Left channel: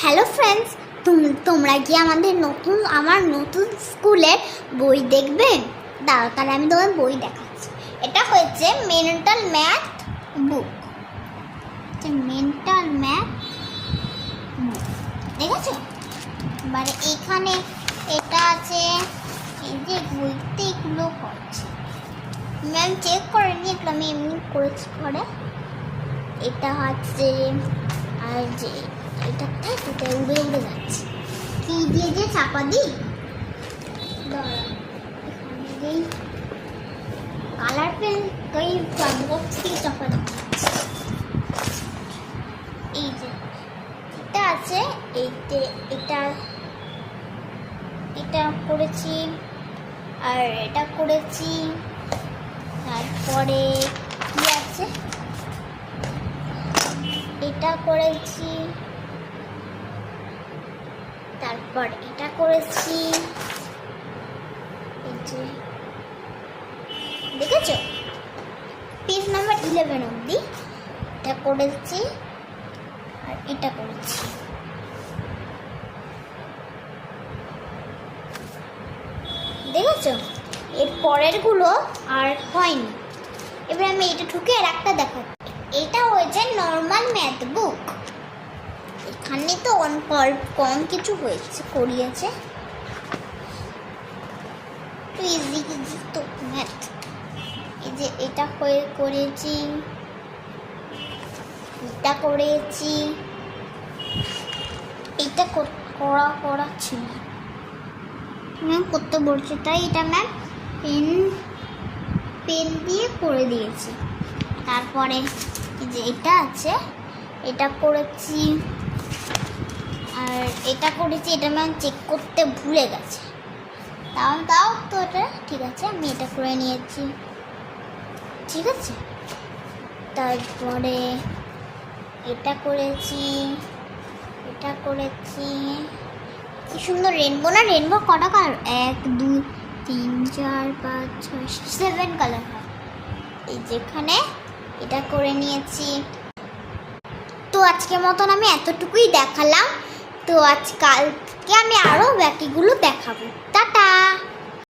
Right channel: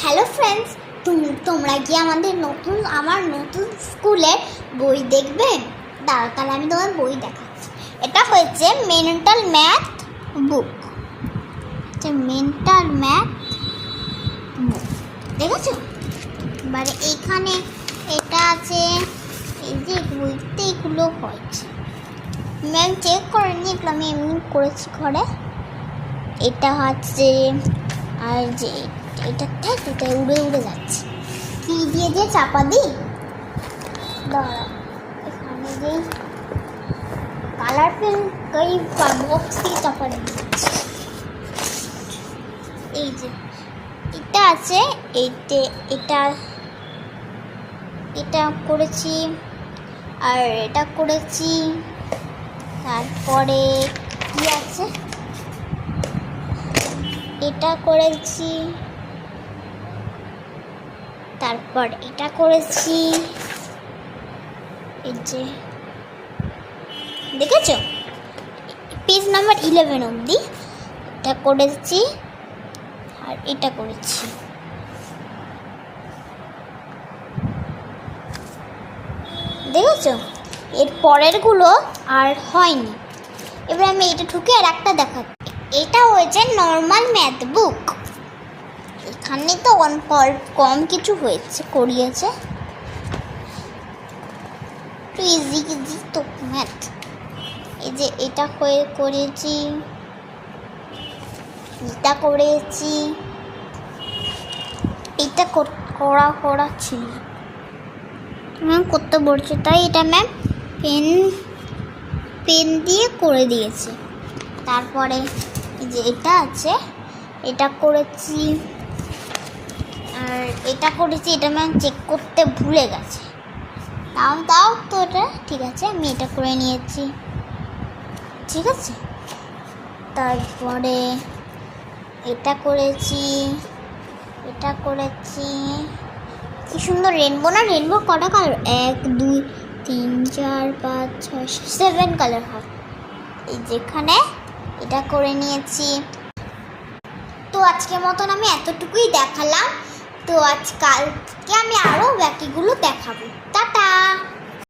Hello friends, তোমরা কি আমার নতুন স্কুলের বই দেখবেন? দাঁড়াও, তাহলে আমি তোমার বই দেখাচ্ছি। এটা হয়েছে মেন্টাল ম্যাথ বুক। মেন্টাল ম্যাথ বুক দেখেছো? এবারে এখানে এটা আছে, এই যে বইতে এগুলো হয়েছে। ম্যাম চেক করেনি, এগুলো আমি এমনি করেছি ঘরে। এটা হচ্ছে, আর যে এটা থেকে উড়ে উড়ে যাচ্ছে, কি দিয়ে যে চাপা দিই, দাঁড়া এখানে যে কালার পেন এই বক্স দিয়ে চাপা দিচ্ছি। এই যে এটা আছে, এটা এটা করেছি, আর এটা করেছি। তারপরে কি আছে, এটা করেছি, তারপর এটা করেছি। এই যে দেখেছো, পেজ নাম্বার 11 অবধি এটা করেছি, আর এটা করেছি। দেখেছো, এর পরেরগুলো আর হয়নি। এবার আমি এটা ঠুকে আর একটা দেখাচ্ছি। এটা হয়েছে নর্মাল ম্যাথ বুক। এখানে তো কম কিছু হয়েছে, করিয়েছে তো ইজি তো ম্যাথ। এই যে এটা করেছি, এটা করেছি, এটা করা ছিল, ম্যাম করতে বলছে তাই এটা ম্যাম পেন দিয়ে করে দিয়েছে। তারপরে যে এটা আছে, এটা করেছি, আর এটা করেছি। এটা ম্যাম চেক করতে ভুলে গেছে, তাও তো এটা ঠিক আছে, আমি এটা করে নিয়েছি, ঠিক আছে। তারপরে এটা করেছি, এটা করেছি। কি সুন্দর রেনবো না? রেনবো কটা কালার? 1 2 3 4 5 6 7 কালার হয়। এই যেখানে এটা করে নিয়েছি। তো আজকের মতন আমি এতটুকুই দেখালাম। তো কালকে আমি আরও বাকিগুলো দেখাবো।